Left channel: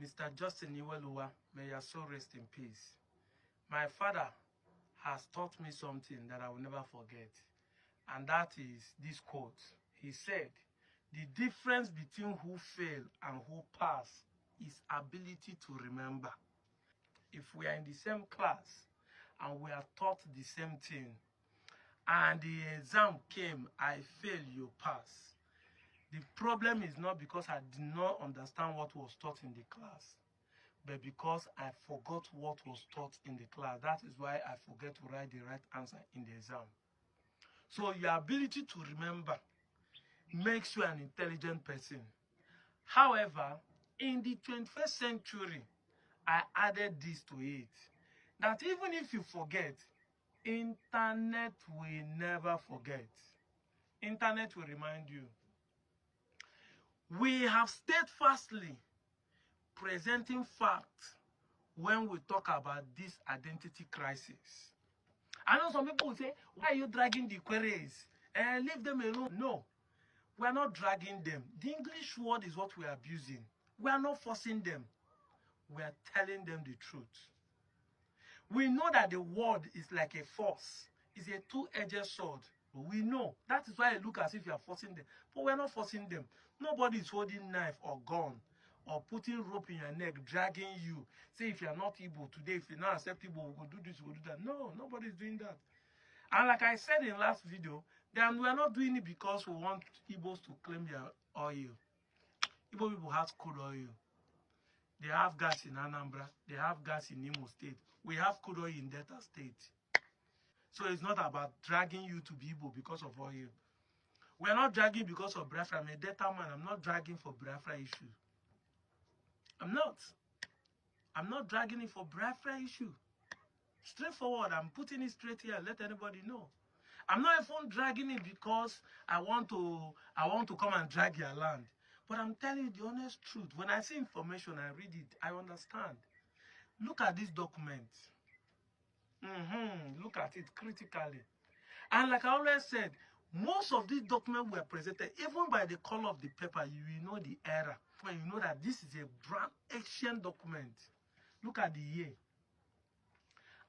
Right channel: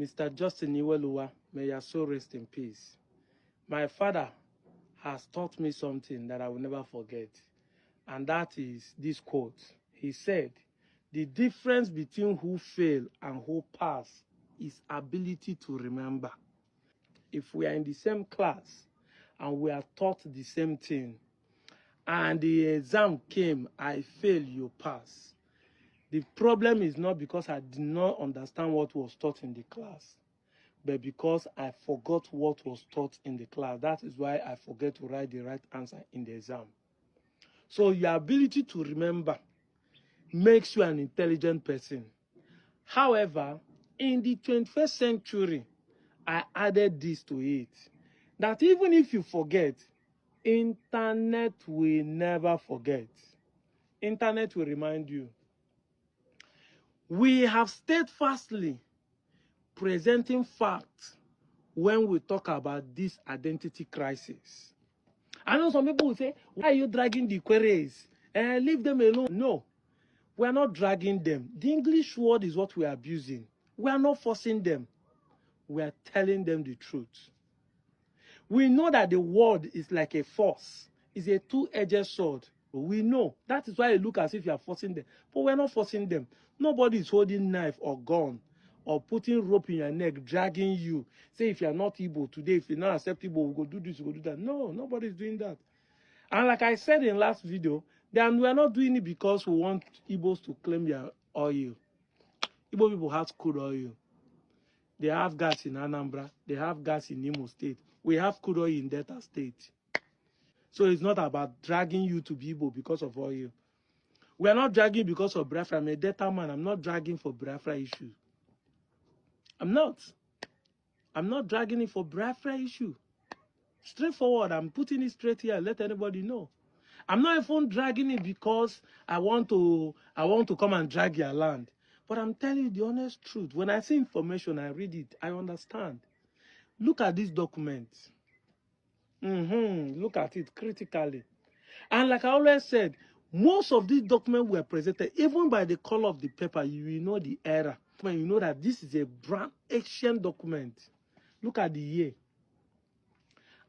Mr. Justin Iweluwa, may your soul rest in peace. My father has taught me something that I will never forget, and that is this quote. He said, the difference between who fail and who pass is ability to remember. If we are in the same class and we are taught the same thing, and the exam came, I fail, you pass. The problem is not because I did not understand what was taught in the class, but because I forgot what was taught in the class. That is why I forget to write the right answer in the exam. So your ability to remember makes you an intelligent person. However, in the 21st century, I added this to it, that even if you forget, internet will never forget. Internet will remind you. We have steadfastly presenting facts when we talk about this identity crisis. I know some people will say, why are you dragging the queries? Leave them alone. No, we are not dragging them. The English word is what we are abusing. We are not forcing them. We are telling them the truth. We know that the word is like a force. It's a two-edged sword. We know. That is why it looks as if you are forcing them. But we're not forcing them. Nobody is holding knife or gun or putting rope in your neck, dragging you. Say, if you are not Igbo today, if you're not accept Igbo, we'll go do this, we'll go do that. No, nobody's doing that. And like I said in last video, then we're not doing it because we want Igbos to claim their oil. Igbo people have crude oil. They have gas in Anambra. They have gas in Imo State. We have crude oil in Delta State. So it's not about dragging you to be Igbo because of oil. We are not dragging because of Biafra. I'm a Delta man. I'm not dragging for Biafra issue. I'm not. I'm not dragging it for Biafra issue. Straightforward. I'm putting it straight here. Let anybody know. I'm not even dragging it because I want to come and drag your land. But I'm telling you the honest truth. When I see information, I read it. I understand. Look at this document. Look at it critically. And like I always said, most of these documents were presented, even by the color of the paper, you will know the era. You know that this is a brand ancient document. Look at the year.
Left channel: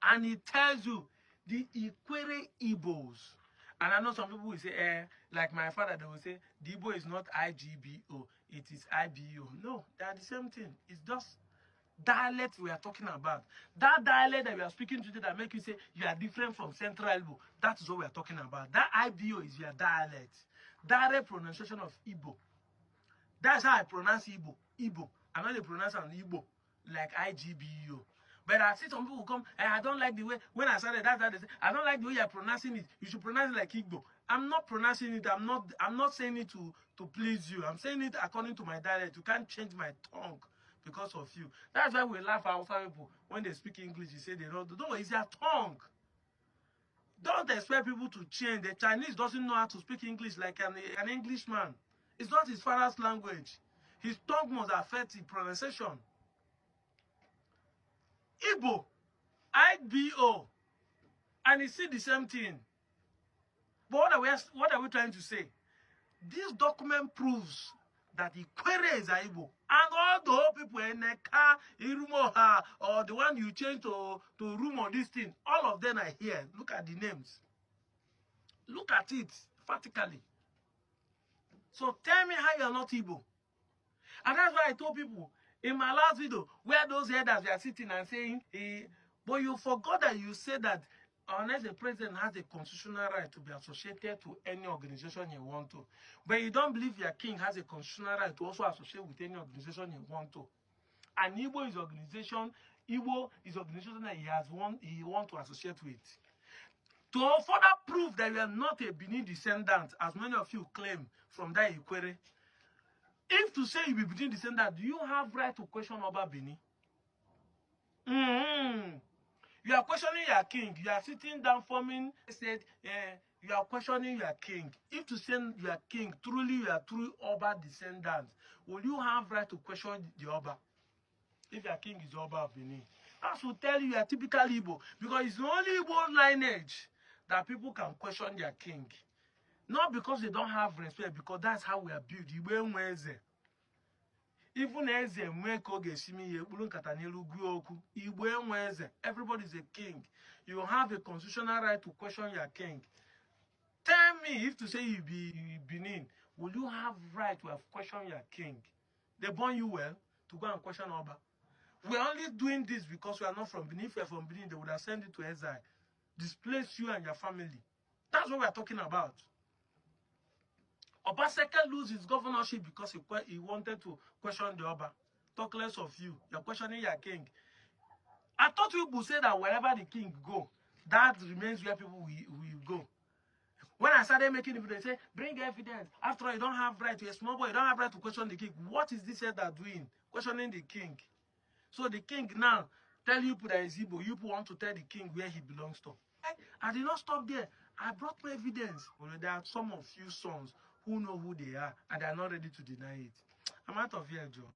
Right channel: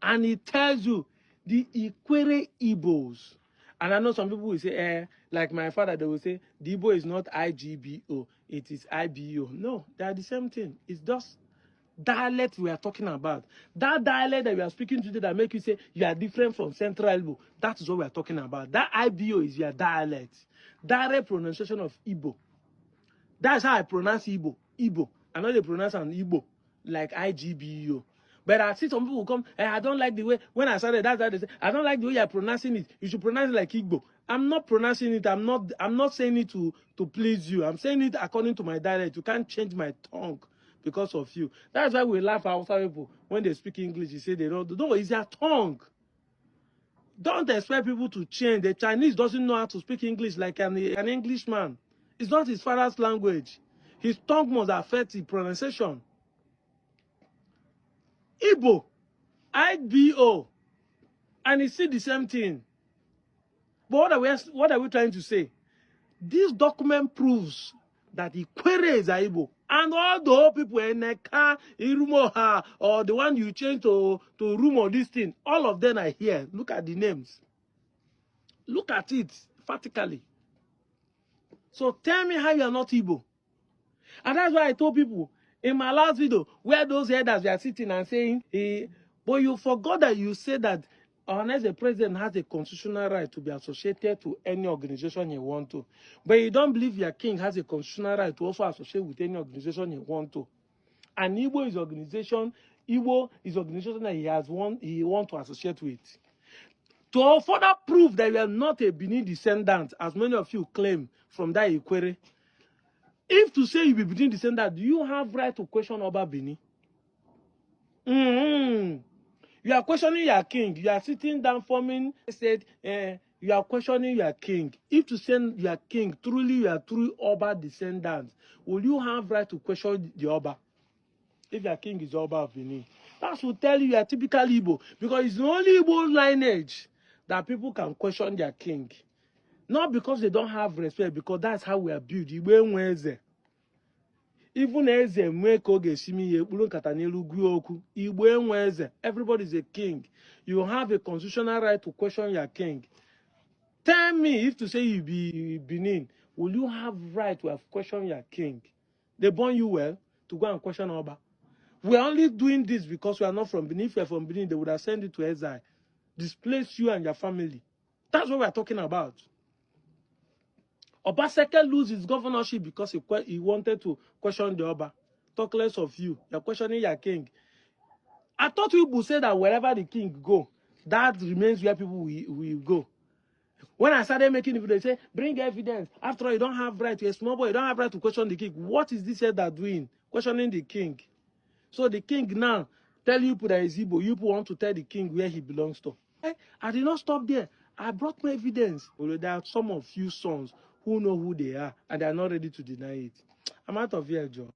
And it tells you the Ikwere Igbos. And I know some people will say, like my father, they will say, the Igbo is not IGBO, it is IBO. No, they are the same thing. It's just dialect we are talking about. That dialect that we are speaking today that make you say you are different from Central Igbo, that is what we are talking about. That IBO is your dialect. Direct pronunciation of Igbo. That's how I pronounce Igbo. Igbo. I know they pronounce an Igbo like IGBO. But I see some people come, I don't like the way, when I started, that's how they say, I don't like the way you're pronouncing it. You should pronounce it like Igbo. I'm not pronouncing it. I'm not saying it to please you. I'm saying it according to my dialect. You can't change my tongue because of you. That's why we laugh at Hausa people when they speak English. You say they don't. No, it's their tongue. Don't expect people to change. The Chinese doesn't know how to speak English like an Englishman. It's not his father's language. His tongue must affect the pronunciation. Igbo, IBO, and it's still the same thing. But what are we trying to say? This document proves that Ikwere is Igbo. And all the whole people in Neka, Irumoha, or the one you change to Rumo, this thing, all of them are here. Look at the names. Look at it, vertically. So tell me how you are not Igbo. And that's why I told people, in my last video, where those elders were sitting and saying, but you forgot that you said that unless the president has a constitutional right to be associated to any organization he wants to. But you don't believe your king has a constitutional right to also associate with any organization he wants to. And Igbo is organization that he wants to associate with. To further prove that you are not a Benin descendant, as many of you claim from that Ikwere, if to say you be Benin descendant, do you have right to question Oba Benin? You are questioning your king. You are sitting down forming, said, you are questioning your king. If to send your king, truly you are true Oba descendants, will you have right to question the Oba? If your king is Oba of Benin. That will tell you are typical Igbo. Because it's the only Igbo lineage that people can question their king. Not because they don't have respect, because that's how we are built. Igbo Even eze mweke oge simi ye kpulu nkata n'elu gwu okwu. Igbo enwe eze. Everybody is a king. You have a constitutional right to question your king. Tell me, if to say you be Benin, will you have right to have questioned your king? They born you well to go and question Oba. We are only doing this because we are not from Benin. If you are from Benin, they would have sent you to exile, displace you and your family. That's what we are talking about. Obaseke lose his governorship because he wanted to question the Oba. Talk less of you. You're questioning your king. I thought people say that wherever the king go, that remains where people will go. When I started making it, they say, bring evidence. After all, you don't have right. You're a small boy. You don't have right to question the king. What is this elder doing? Questioning the king. So the king now tell you that is Igbo. You want to tell the king where he belongs to. I did not stop there. I brought my evidence. Well, there are some of you sons who know who they are, and they are not ready to deny it. I'm out of here, Joe.